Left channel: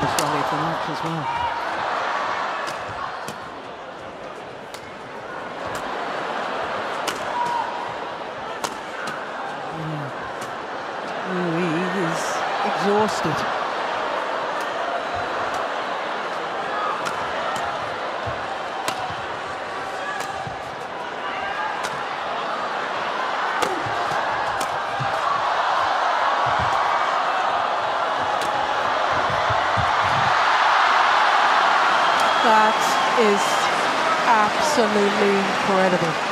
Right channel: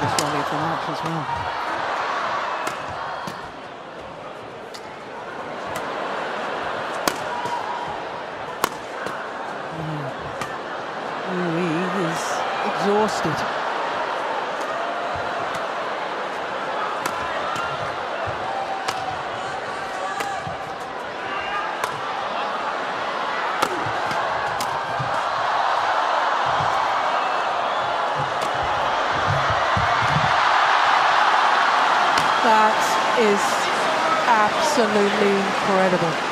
longest rally of the match as well. He is exhausted. That is absolutely incredible.